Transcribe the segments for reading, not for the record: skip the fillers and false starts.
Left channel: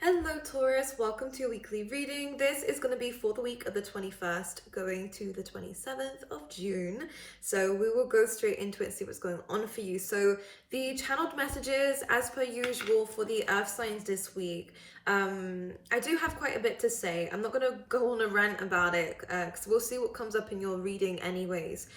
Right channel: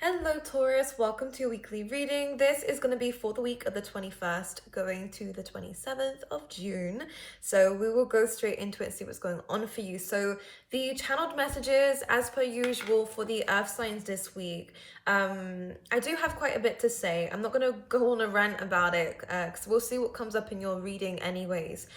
Hello Taurus, welcome to your weekly reading. This is going to be for the week of the 21st going to the 27th of June. So we will go straight into it and see what's going on for you. So the channeled messages as per usual for the earth signs this week. I do have quite a bit to say. I'm not going to go on a rant about it because we'll see what comes up in your reading anyways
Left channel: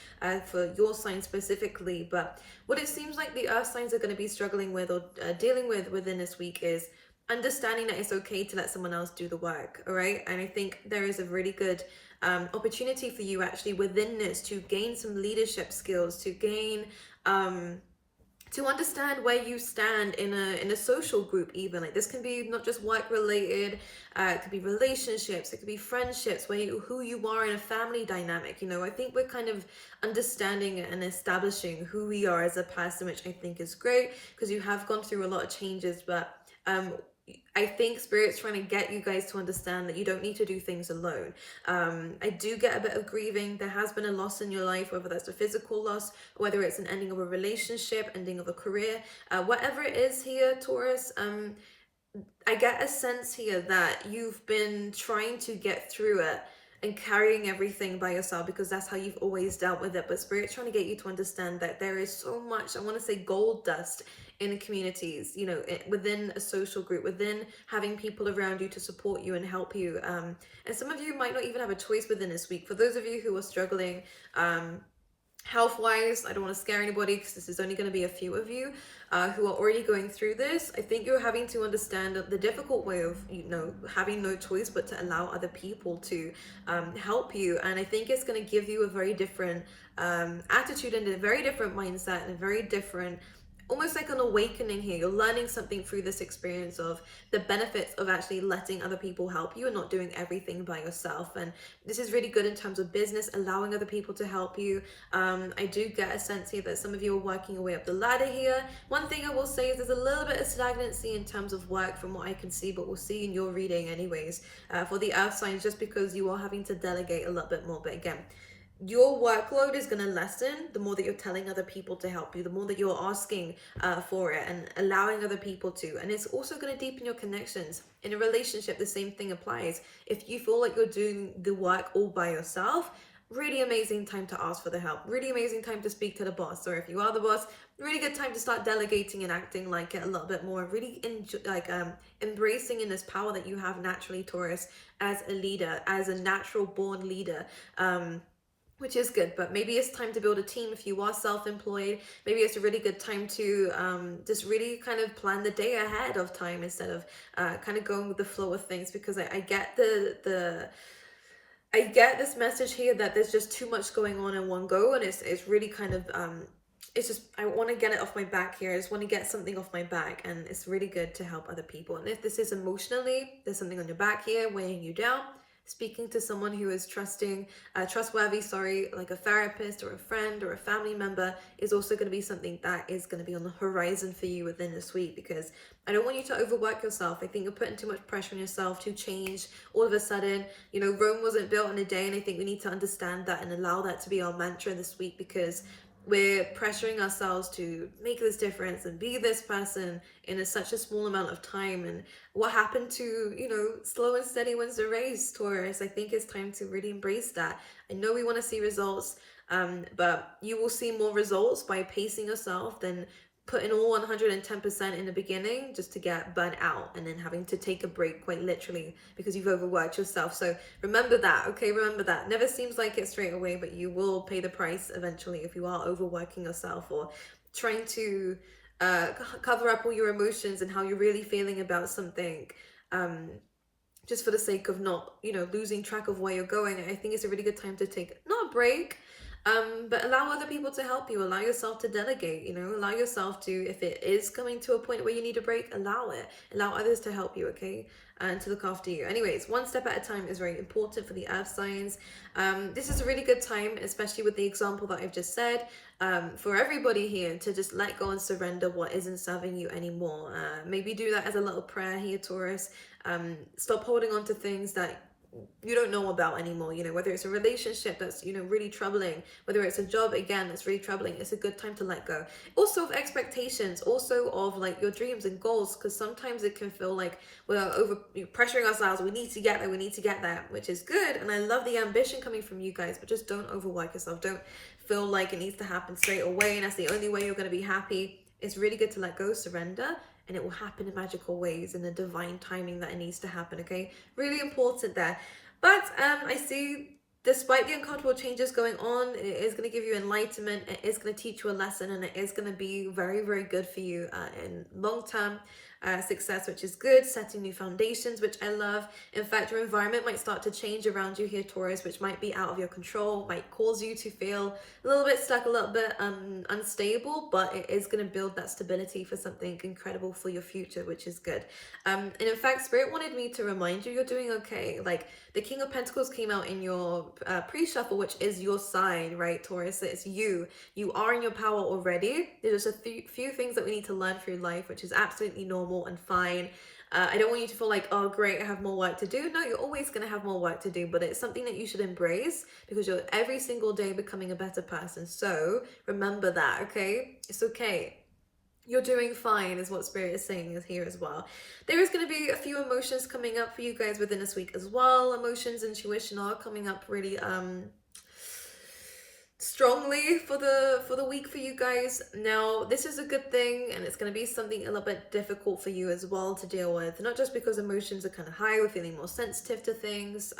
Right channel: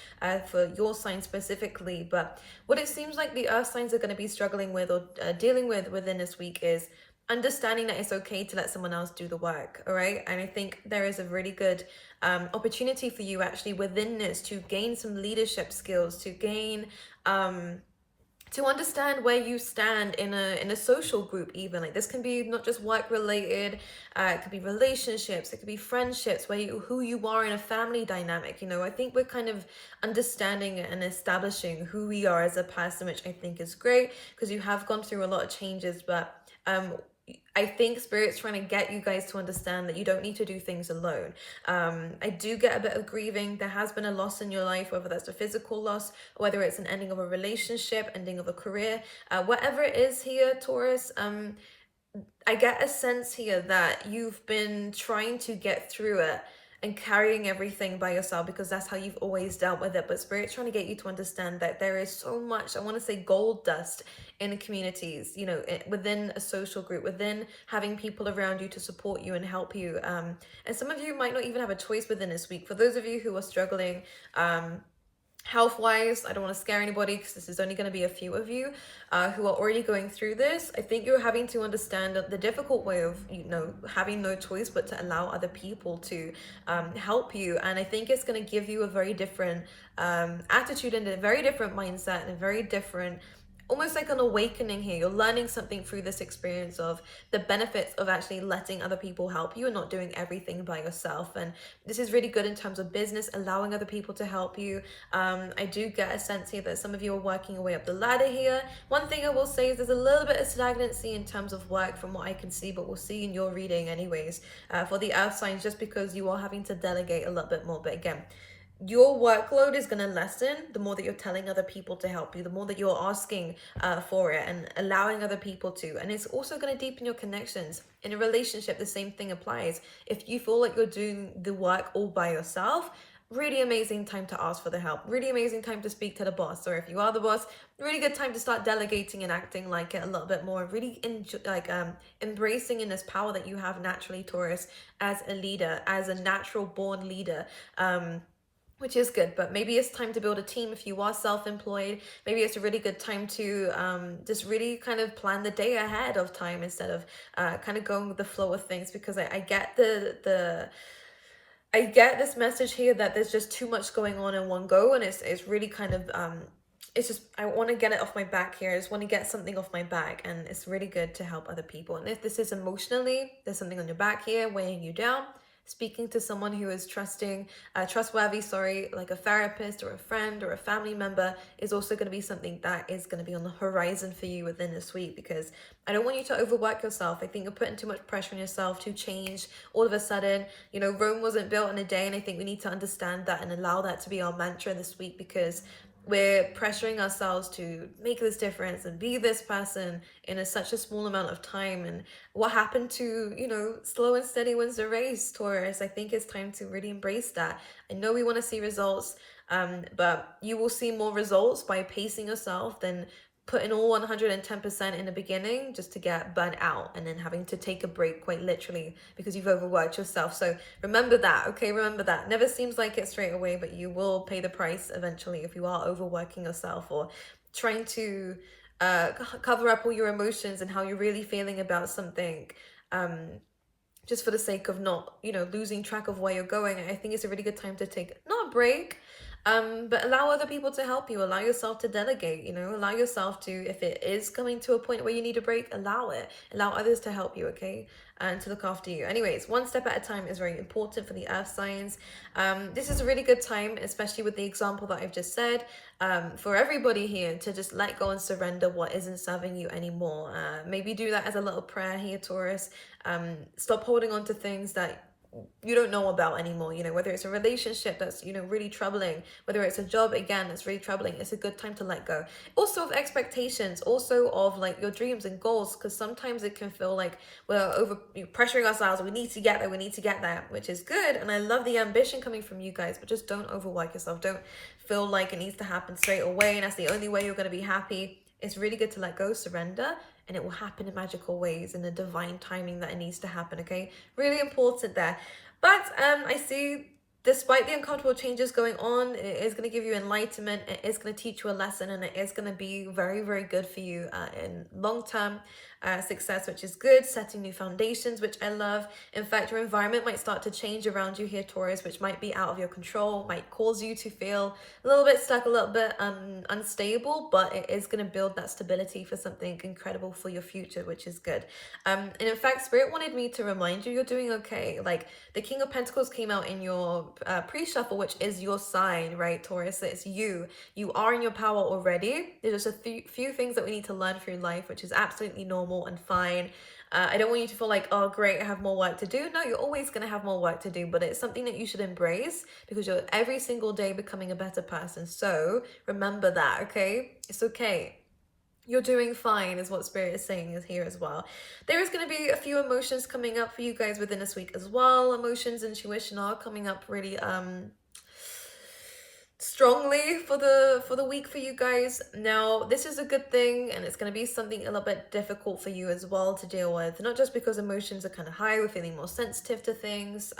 for your sign specifically. But what it seems like the earth signs are going to be struggling with or dealing with within this week is understanding that it's okay to let someone else do the work. All right, and I think there is a really good opportunity for you actually within this to gain some leadership skills, to gain to understand where you stand in a social group. Even like this can be not just work related, it could be relationships, it could be friendships, who you are in a family dynamic. I think we're kind of understanding and establishing who we are as a person, which I think is great because you have gone through a lot of changes. But I think Spirit's trying to get you guys to understand that you don't need to do things alone. I do get a bit of grieving. There has been a loss in your life, whether that's a physical loss, whether it's an ending of a relationship, ending of a career, whatever it is here, Taurus. I get a sense here that you've been trying to get through it and carrying everything by yourself because that's how you've always dealt with it. But Spirit's trying to get you to understand that there is so much, I want to say gold dust in communities, within a social group, within having people around you to support you and help you. And some of you might not even have a choice within this week. For those of you who are struggling, health-wise, I don't want to scare anybody because this is only going to be a few of you who are already going through this. I think you're having to understand the difficult way of having no choice but to allow other people to help you. And I think it's going to give you a very different attitude and a very different mindset and a very different, almost like an awakening here. You're learning something through this experience of the benefits of actually letting other people help you and not doing everything by yourself. And this is really good in terms of business, allowing other people to help you. I do get a sense here that some of you are working your way up the ladder here. One thing I will say is there's a little bit of stagnancy in terms of work from what I can see, but we'll see in your reading anyways for the earth signs, just because you are having to delegate a little bit more. But again, your workload is going to lessen the more that you're telling other people to help you, the more that you're asking for it and allowing other people to. And it's also going to deepen your connections. In a relationship, the same thing applies. If you feel like you're doing the work all by yourself, really amazing time to ask for the help. Really amazing time to speak to the boss. Or if you are the boss, really good time to start delegating and acting like it a little bit more. Really embracing in this power that you have naturally, Taurus, as a leader, as a natural born leader. Which is good. But maybe it's time to build a team if you are self-employed. Maybe it's a really good time to just really kind of plan the day ahead of time instead of kind of going with the flow of things, because I get I get this message here that there's just too much going on in one go, and it's really kind of it's just, I want to get it off my back here. I just want to get something off my back, and it's really good to help other people. And if this is emotionally, there's something on your back here weighing you down, speaking to someone who is trustworthy, like a therapist or a friend or a family member, is also going to be something that is going to be on the horizon for you within this week, because I don't want you to overwork yourself. I think you're putting too much pressure on yourself to change all of a sudden. Rome wasn't built in a day, and I think we need to understand that and allow that to be our mantra this week, because we're pressuring ourselves to make this difference and be this person in such a small amount of time. And what happened to, slow and steady wins the race, Taurus? I think it's time to really embrace that. I know we want to see results, but you will see more results by pacing yourself than putting all 110% in the beginning just to get burnt out and then having to take a break quite literally because you've overworked yourself. So remember that, okay? Remember that. Never seems like it straight away, but you will pay the price eventually if you are overworking yourself or trying to cover up all your emotions and how you're really feeling about something just for the sake of not, losing track of where you're going. I think it's a really good time to take not a break, but allow other people to help you. Allow yourself to delegate, allow yourself to, if it is coming to a point where you need a break, allow it. Allow others to help you, okay? And to look after you. Anyways, one step at a time is very important for the earth signs. This is a really good time, especially with the example that I've just said, for everybody here to just let go and surrender what isn't serving you anymore. Maybe do that as a little prayer here, Taurus. Stop holding on to things that you don't know about anymore, you know, whether it's a relationship that's, you know, really troubling, whether it's a job, again, that's really troubling. It's a good time to let go. Also of expectations, also of like your dreams and goals, because sometimes it can feel like we're over pressuring ourselves. We need to get there, we need to get there, which is good. And I love the ambition coming from you guys, but just don't overwork yourself. Don't feel like it needs to happen straight away and that's the only way you're going to be happy. It's really good to let go, surrender, and it will happen in magical ways in the divine timing that it needs to happen. Okay, really important there. But I see, despite the uncomfortable changes going on, it is going to give you enlightenment, it is going to teach you a lesson, and it is going to be very, very good for you in long-term success, which is good. Setting new foundations, which I love. In fact, your environment might start to change around you here, Taurus, which might be out of your control, might cause you to feel a little bit stuck, a little bit unstable, but it is going to build that stability for something incredible for your future, which is good. And in fact, Spirit wanted me to remind you, you're doing okay. Like, the King of Pentacles came out in your pre-shuffle, which is your sign, right, Taurus? It's you. You are in your power already. There's just a few things that we need to learn through life, which is absolutely normal and fine. I don't want you to feel like, oh, great, I have more work to do. No, you're always going to have more work to do, but it's something that you should embrace because you're every single day becoming a better person. So remember that, okay? It's okay. You're doing fine is what Spirit is saying is here as well. There is going to be a few emotions coming up for you guys within this week as well. Emotions, intuition are coming up really strongly for the week for you guys. Now, this is a good thing, and it's going to be something a little bit difficult for you as well to deal with, not just because emotions are kind of high, we're feeling more sensitive to things.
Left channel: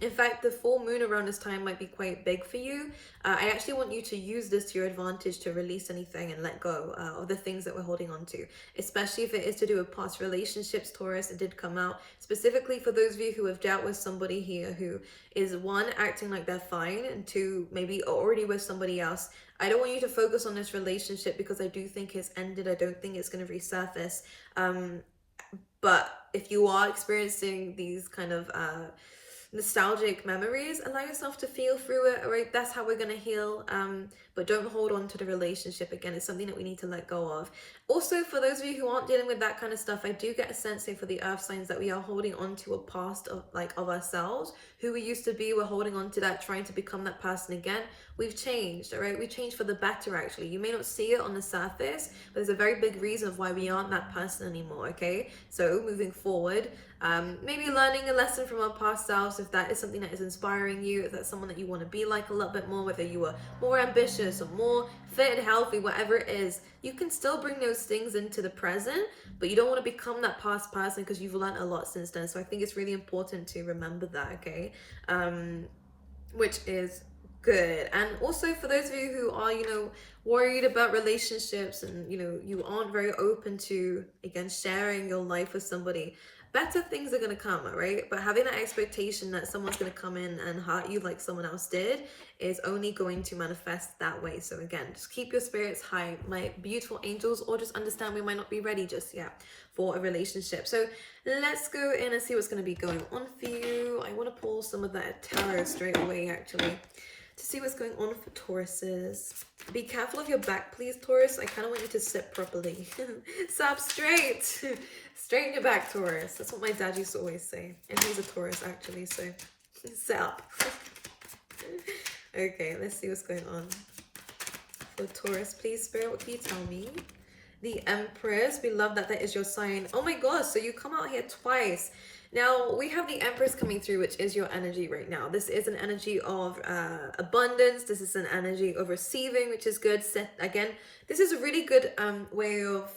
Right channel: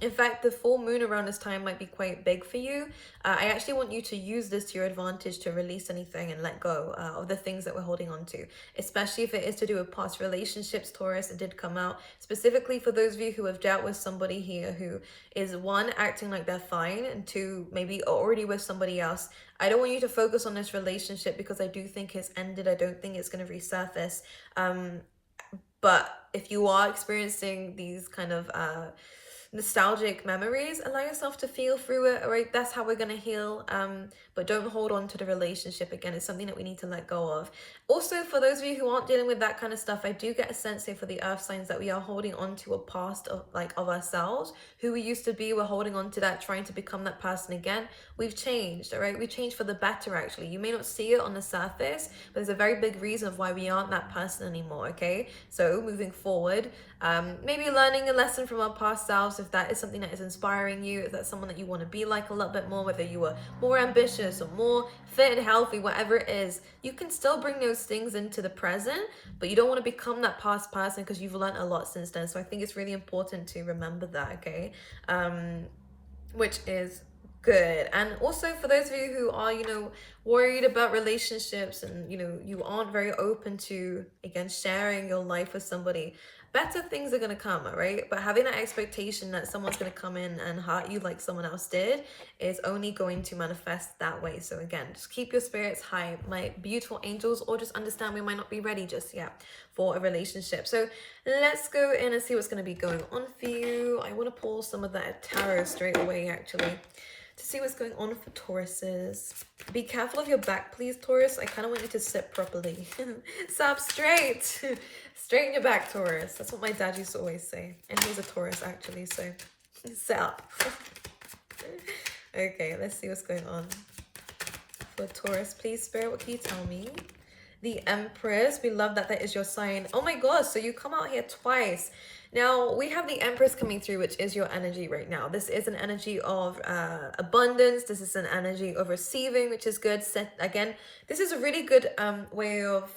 In fact, the full moon around this time might be quite big for you. I actually want you to use this to your advantage to release anything and let go of the things that we're holding on to, especially if it is to do with past relationships, Taurus. It did come out specifically for those of you who have dealt with somebody here who is, one, acting like they're fine, and two, maybe already with somebody else. I don't want you to focus on this relationship because I do think it's ended. I don't think it's going to resurface. But if you are experiencing these kind of nostalgic memories, allow yourself to feel through it. All right, that's how we're going to heal. But don't hold on to the relationship. Again, it's something that we need to let go of. Also, for those of you who aren't dealing with that kind of stuff, I do get a sense here for the earth signs that we are holding on to a past of ourselves, who we used to be. We're holding on to that, trying to become that person again. We've changed, all right? We changed for the better, actually. You may not see it on the surface, but there's a very big reason of why we aren't that person anymore, okay? So moving forward, maybe learning a lesson from our past selves, if that is something that is inspiring you, if that's someone that you want to be like a little bit more, whether you were more ambitious or more fit and healthy, whatever it is, you can still bring those things into the present, but you don't want to become that past person because you've learned a lot since then. So I think it's really important to remember that, okay? Which is good. And also for those of you who are, you know, worried about relationships and, you know, you aren't very open to, again, sharing your life with somebody, better things are going to come, all right? But having that expectation that someone's going to come in and hurt you like someone else did is only going to manifest that way. So again, just keep your spirits high, my beautiful angels, or just understand we might not be ready just yet for a relationship. So let's go in and see what's going to be going on for you. I want to pull some of that tarot straight away, actually, to see what's going on for Tauruses. Be careful of your back, please, Taurus. I kind of want you to sit properly. Sit up straight. Straighten your back, Taurus. That's what my dad used to always say. And he's a Taurus, actually, so sit up. Okay, let's see what's going on for Taurus. Please, Spirit, what can you tell me? The Empress. We love that that is your sign. Oh my gosh, so you come out here twice. Now, we have the Empress coming through, which is your energy right now. This is an energy of abundance. This is an energy of receiving, which is good. Again, this is a really good way of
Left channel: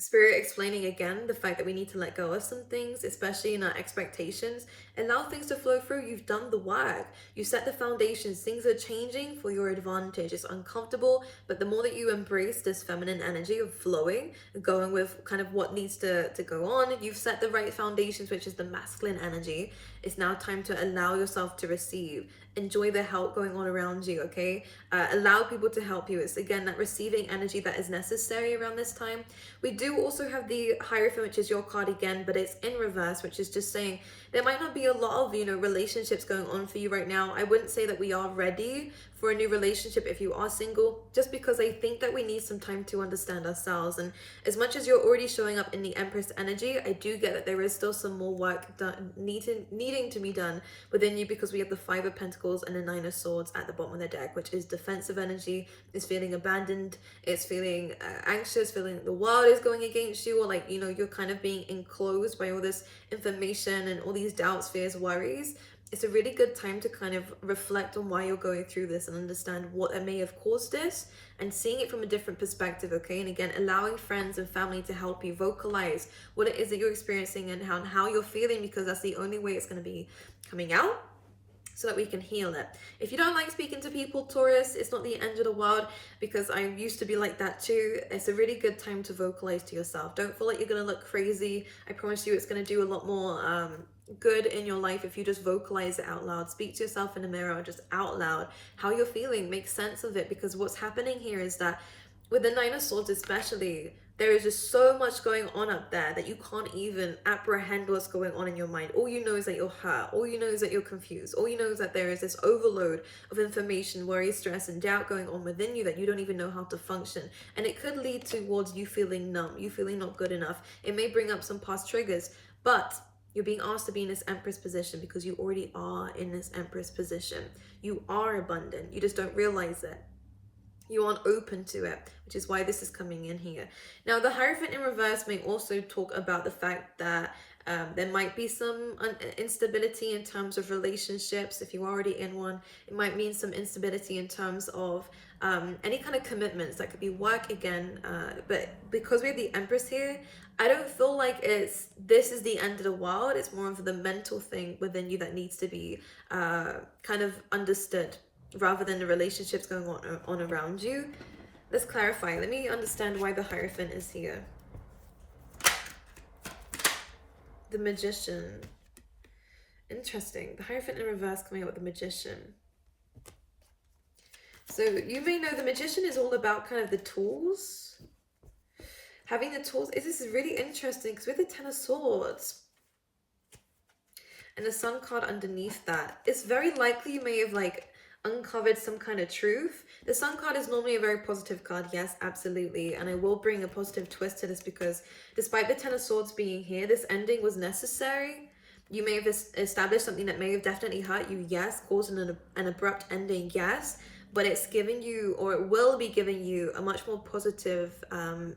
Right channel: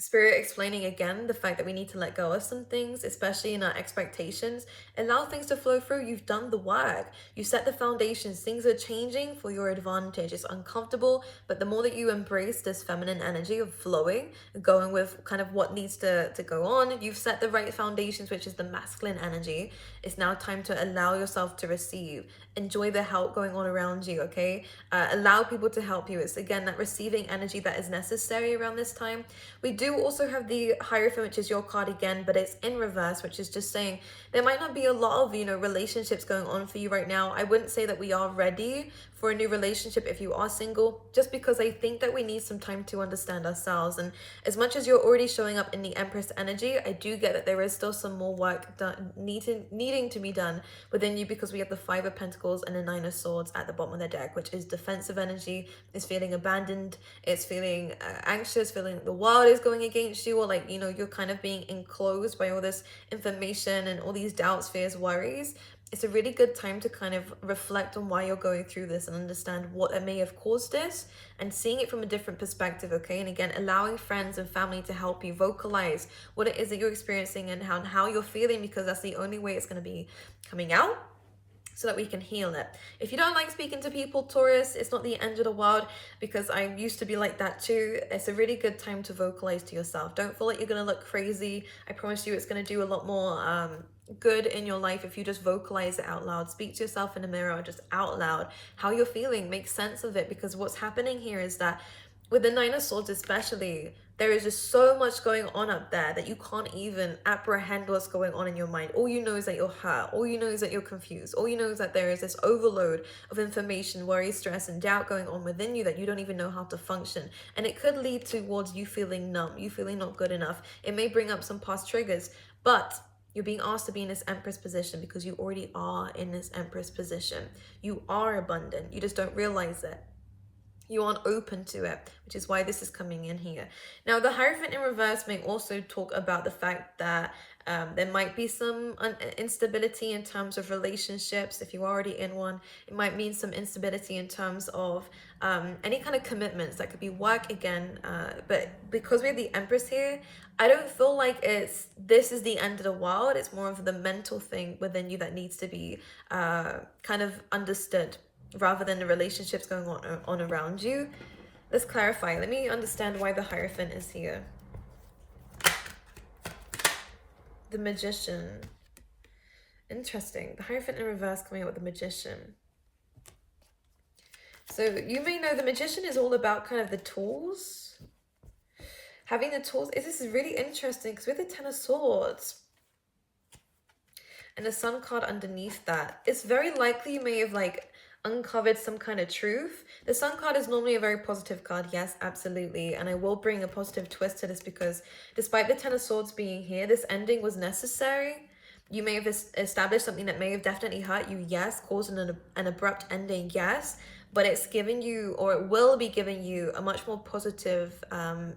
Spirit explaining again the fact that we need to let go of some things, especially in our expectations. Allow things to flow through. You've done the work. You set the foundations. Things are changing for your advantage. It's uncomfortable, but the more that you embrace this feminine energy of flowing, going with kind of what needs to go on, you've set the right foundations, which is the masculine energy. It's now time to allow yourself to receive. enjoy the help going on around you, okay? Allow people to help you. It's again that receiving energy that is necessary around this time. We do also have the Hierophant, which is your card again, but it's in reverse, which is just saying there might not be a lot of, you know, relationships going on for you right now. I wouldn't say that we are ready for a new relationship if you are single, just because I think that we need some time to understand ourselves. And as much as you're already showing up in the Empress energy, I do get that there is still some more work done, needing to be done within you, because we have the Five of Pentacles and the Nine of Swords at the bottom of the deck, which is defensive energy. It's feeling abandoned, it's feeling anxious, feeling the world is going against you, or like, you know, you're kind of being enclosed by all this information and all these doubts, fears, worries. It's a really good time to kind of reflect on why you're going through this and understand what may have caused this, and seeing it from a different perspective, okay? And again, allowing friends and family to help you vocalize what it is that you're experiencing and how you're feeling, because that's the only way it's going to be coming out, so that we can heal it. If you don't like speaking to people, Taurus, it's not the end of the world, because I used to be like that too. It's a really good time to vocalize to yourself. Don't feel like you're going to look crazy. I promise you it's going to do a lot more good in your life if you just vocalize it out loud. Speak to yourself in the mirror, just out loud, how you're feeling, make sense of it, because what's happening here is that with the Nine of Swords especially, there is just so much going on up there that you can't even apprehend what's going on in your mind. All you know is that you're hurt. All you know is that you're confused. All you know is that there is this overload of information, worry, stress, and doubt going on within you that you don't even know how to function. And it could lead towards you feeling numb, you feeling not good enough. It may bring up some past triggers, but you're being asked to be in this Empress position because you already are in this Empress position. You are abundant. You just don't realize it. You aren't open to it, which is why this is coming in here. Now, the Hierophant in reverse may also talk about the fact that there might be some instability in terms of relationships. If you're already in one, it might mean some instability in terms of any kind of commitments. That could be work again. But because we have the Empress here, I don't feel like this is the end of the world. It's more of the mental thing within you that needs to be kind of understood, rather than the relationships going on around you. Let's clarify. Let me understand why the Hierophant is here. The Magician. Interesting. The Hierophant in reverse coming out with the Magician. So you may know the Magician is all about kind of the tools. Having the tools. This is really interesting because with the Ten of Swords and the Sun card underneath that, it's very likely you may have like uncovered some kind of truth. The Sun card is normally a very positive card, yes, absolutely, and I will bring a positive twist to this, because despite the Ten of Swords being here, this ending was necessary. You may have established something that may have definitely hurt you, yes, causing an abrupt ending, yes, but it's giving you, or it will be giving you, a much more positive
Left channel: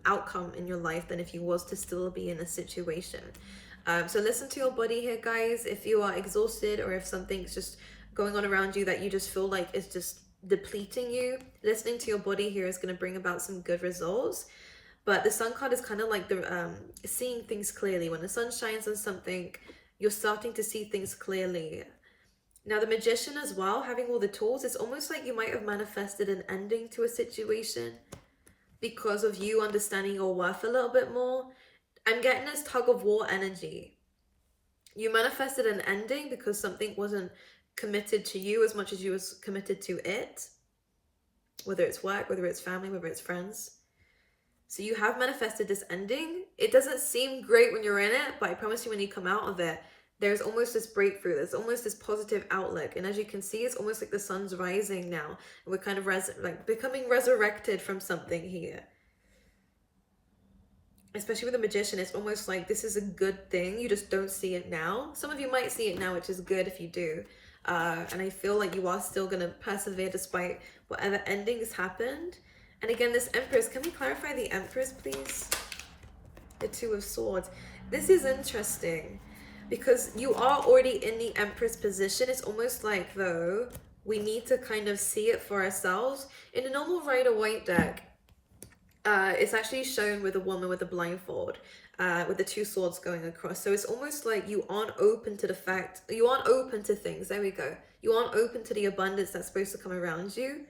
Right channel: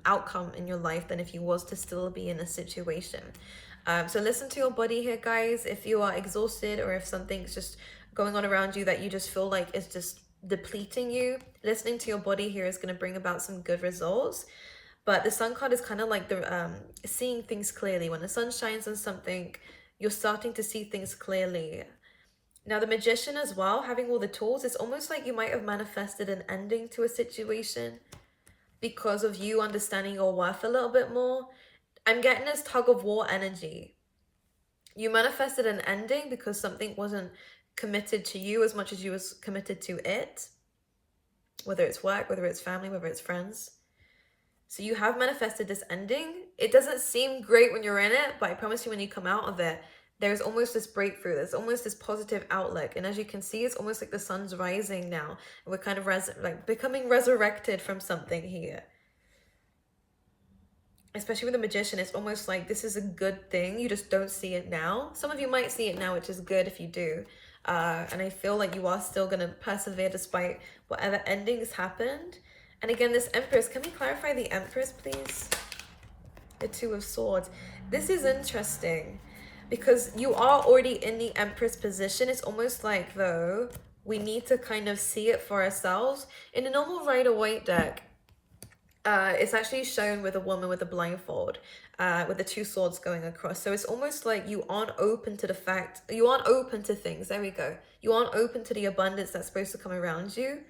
outcome in your life than if you was to still be in a situation. So listen to your body here, guys. If you are exhausted, or if something's just going on around you that you just feel like it's just depleting you, listening to your body here is going to bring about some good results. But the Sun card is kind of like the seeing things clearly. When the sun shines on something, you're starting to see things clearly. Now the Magician as well, having all the tools, it's almost like you might have manifested an ending to a situation because of you understanding your worth a little bit more. I'm getting this tug of war energy. You manifested an ending because something wasn't committed to you as much as you was committed to it, whether it's work, whether it's family, whether it's friends. So you have manifested this ending. It doesn't seem great when you're in it, but I promise you when you come out of it, there's almost this breakthrough. There's almost this positive outlook. And as you can see, it's almost like the sun's rising now. And we're kind of like becoming resurrected from something here. Especially with the Magician, it's almost like this is a good thing. You just don't see it now. Some of you might see it now, which is good if you do. And I feel like you are still going to persevere despite whatever endings happened. And again, this Empress, can we clarify the Empress, please? The Two of Swords. This is interesting because you are already in the Empress position. It's almost like, though, we need to kind of see it for ourselves. In the normal Rider-Waite deck, it's actually shown with a woman with a blindfold, with the two swords going across. So it's almost like you aren't open to the fact, you aren't open to things. There we go. You aren't open to the abundance that's supposed to come around you.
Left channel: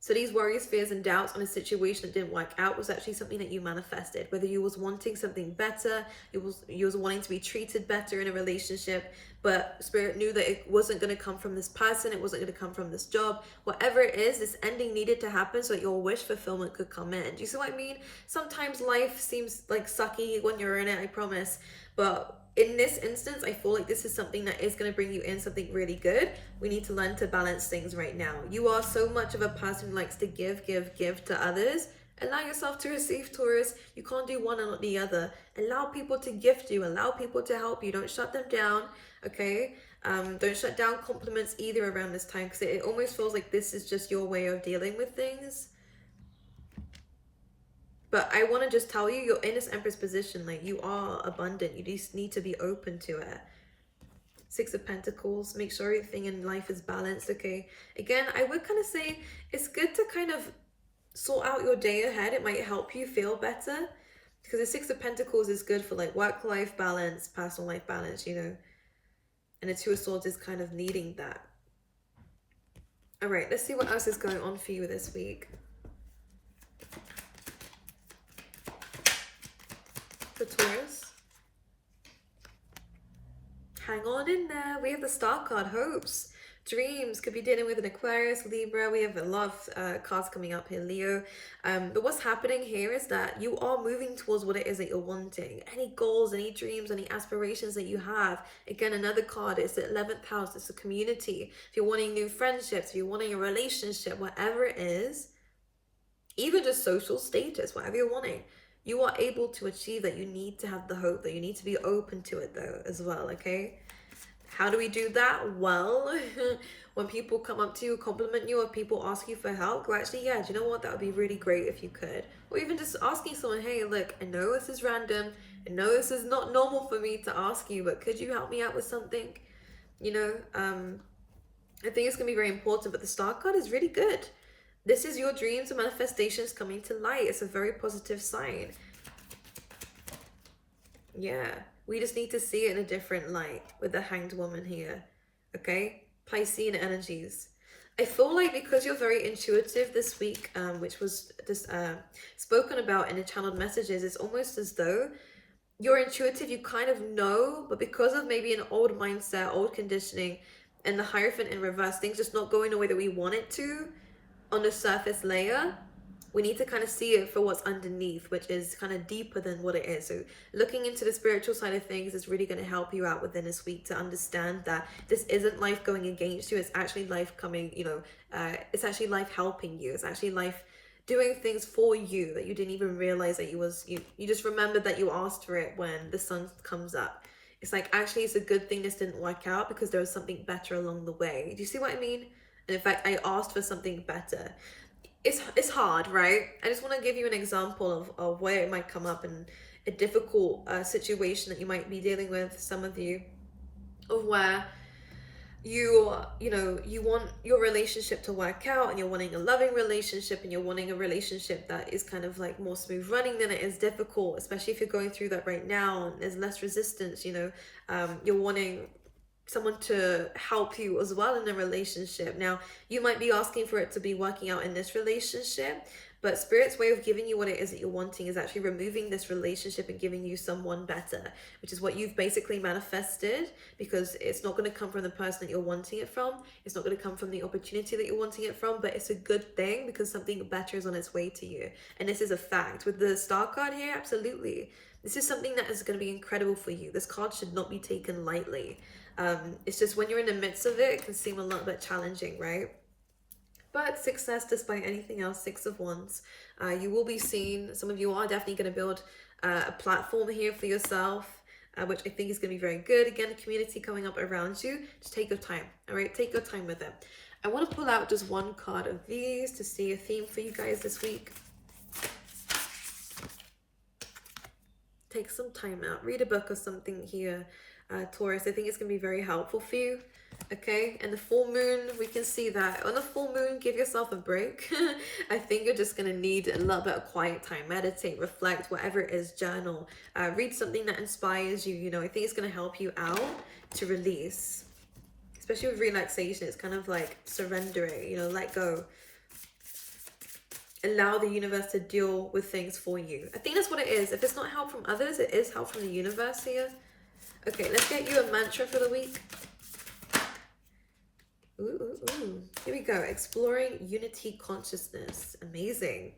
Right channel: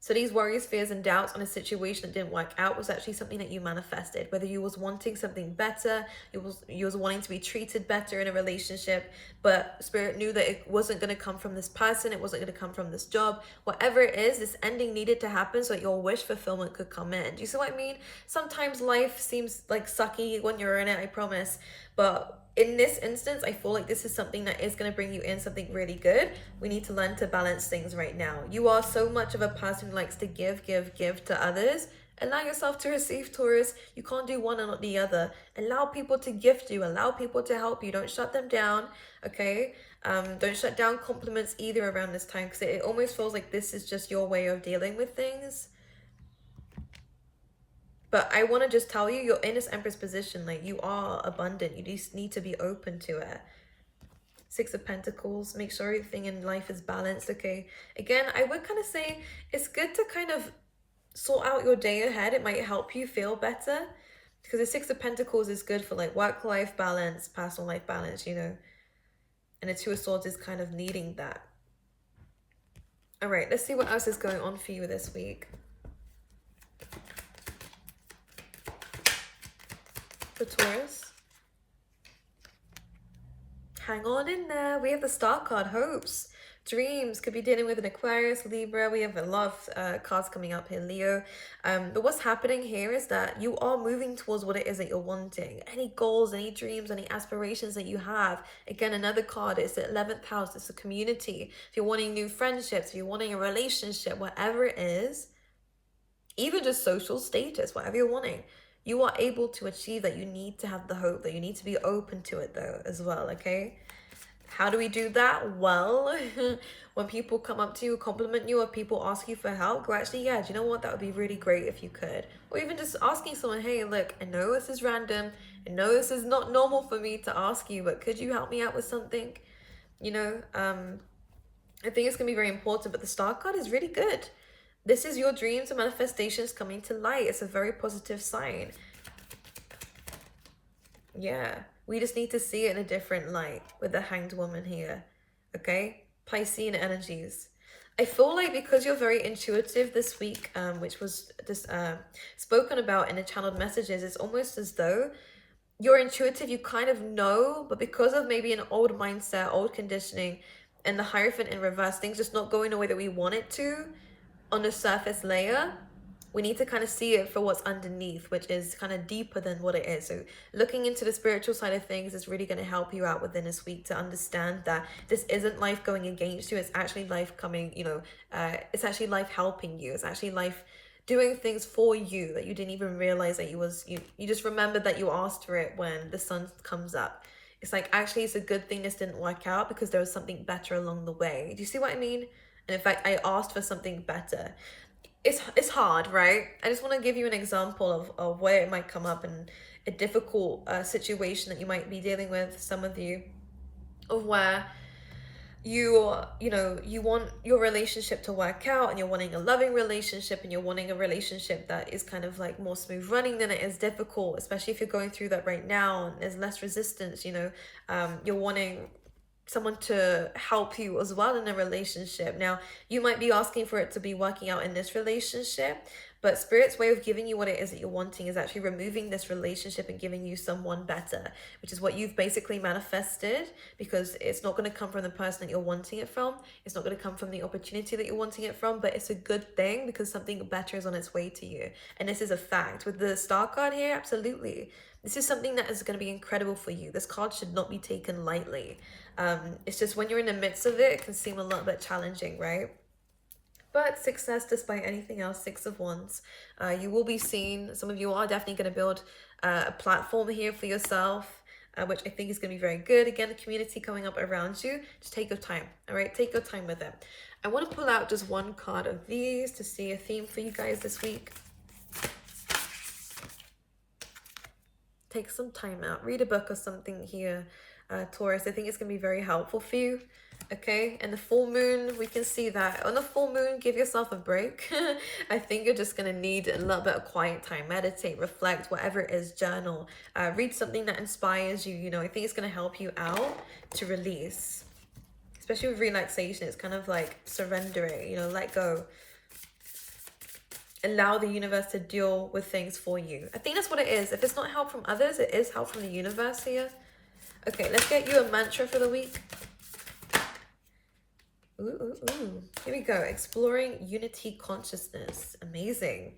So these worries, fears, and doubts on a situation that didn't work out was actually something that you manifested. Whether you was wanting something better, you was wanting to be treated better in a relationship, but Spirit knew that it wasn't going to come from this person, it wasn't going to come from this job. Whatever it is, this ending needed to happen so that your wish fulfillment could come in. Do you see what I mean? Sometimes life seems like sucky when you're in it, I promise. But in this instance, I feel like this is something that is going to bring you in something really good. We need to learn to balance things right now. You are so much of a person who likes to give to others. Allow yourself to receive, Taurus. You can't do one and not the other. Allow people to gift you. Allow people to help you. Don't shut them down, okay? Don't shut down compliments either around this time, because it almost feels like this is just your way of dealing with things. But I want to just tell you, you're in this Empress position. Like, you are abundant. You just need to be open to it. Six of Pentacles. Make sure everything in life is balanced, okay? Again, I would kind of say it's good to kind of sort out your day ahead. It might help you feel better. Because the Six of Pentacles is good for like work-life balance, personal life balance, you know. And the Two of Swords is kind of needing that. All right, let's see what else is going on for you this week. For Taurus. Hang on in there. We have the Star card, hopes, dreams. Could be dealing with an Aquarius, Libra. We have a lot of cards coming up here, Leo. But what's happening here is that you are moving towards what it is that you're wanting. Any goals, any dreams, any aspirations that you have. Again, another card is the 11th house. It's a community. If you're wanting new friendships, if you're wanting a relationship, whatever it is, even just social status, whatever you're wanting, you are able to achieve that. You need to have the hope, that you need to be open to it though as well, okay? How do we do that? Well, when people come up to you, compliment you, or people ask you for help, go, actually, yeah, do you know what? That would be really great if you could. Or even just asking someone, hey, look, I know this is random. I know this is not normal for me to ask you, but could you help me out with something? You know, I think it's going to be very important, but the Star card is really good. This is your dreams and manifestations coming to light. It's a very positive sign. Yeah, we just need to see it in a different light with the Hanged Woman here, okay? Piscean energies. I feel like because you're very intuitive this week, which was just spoken about in the channeled messages, it's almost as though you're intuitive, you kind of know, but because of maybe an old mindset, old conditioning, and the Hierophant in reverse, things just not going the way that we want it to, on the surface layer, we need to kind of see it for what's underneath, which is kind of deeper than what it is. So looking into the spiritual side of things is really going to help you out within this week to understand that this isn't life going against you. It's actually life coming, you know, it's actually life helping you. It's actually life doing things for you that you didn't even realize that you just remembered that you asked for it when the sun comes up. It's like, actually, it's a good thing this didn't work out because there was something better along the way. Do you see what I mean? And in fact, I asked for something better. It's hard, right? I just want to give you an example of where it might come up in a difficult situation that you might be dealing with, some of you, of where you want your relationship to work out, and you're wanting a loving relationship, and you're wanting a relationship that is kind of like more smooth running than it is difficult, especially if you're going through that right now and there's less resistance, you know. You're wanting someone to help you as well in a relationship. Now, you might be asking for it to be working out in this relationship, but Spirit's way of giving you what it is that you're wanting is actually removing this relationship and giving you someone better, which is what you've basically manifested, because it's not going to come from the person that you're wanting it from. It's not going to come from the opportunity that you're wanting it from, but it's a good thing because something better is on its way to you. And this is a fact. With the Star card here, absolutely. This is something that is going to be incredible for you. This card should not be taken lightly. It's just when you're in the midst of it, it can seem a little bit challenging, right? But success, despite anything else, Six of Wands. You will be seen. Some of you are definitely going to build a platform here for yourself, which I think is going to be very good. Again, a community coming up around you. Just take your time, all right? Take your time with it. I want to pull out just one card of these to see a theme for you guys this week. Take some time out. Read a book or something here, Taurus. I think it's going to be very helpful for you. Okay, and the full moon, we can see that on the full moon, give yourself a break. I think you're just going to need a little bit of quiet time. Meditate, reflect, whatever it is, journal, read something that inspires you. You know, I think it's going to help you out to release, especially with relaxation. It's kind of like surrendering, you know, let go. allow the universe to deal with things for you. I think that's what it is. If it's not help from others, it is help from the universe here. Okay, let's get you a mantra for the week. Ooh. Here we go. Exploring unity consciousness. Amazing.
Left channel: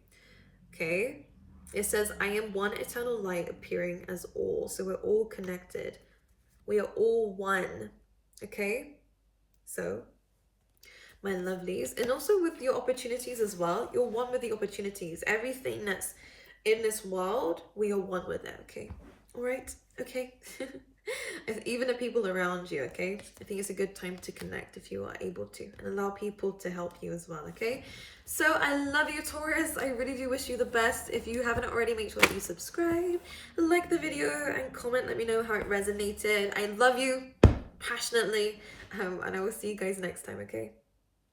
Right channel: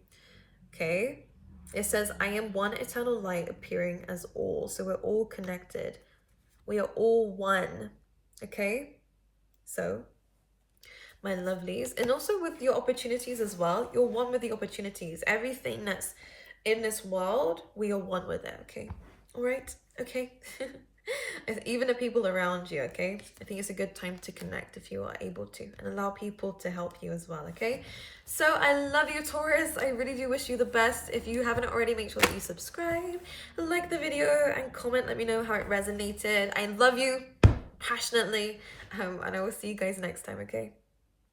Okay. It says, I am one eternal light appearing as all. So we're all connected. We are all one. Okay. So, my lovelies. And also with your opportunities as well. You're one with the opportunities. Everything that's in this world, we are one with it. Okay. All right. Okay. Even the people around you, okay? I think it's a good time to connect if you are able to, and allow people to help you as well, okay? So I love you, Taurus. I really do wish you the best. If you haven't already, make sure that you subscribe, like the video, and comment. Let me know how it resonated. I love you passionately, and I will see you guys next time, okay?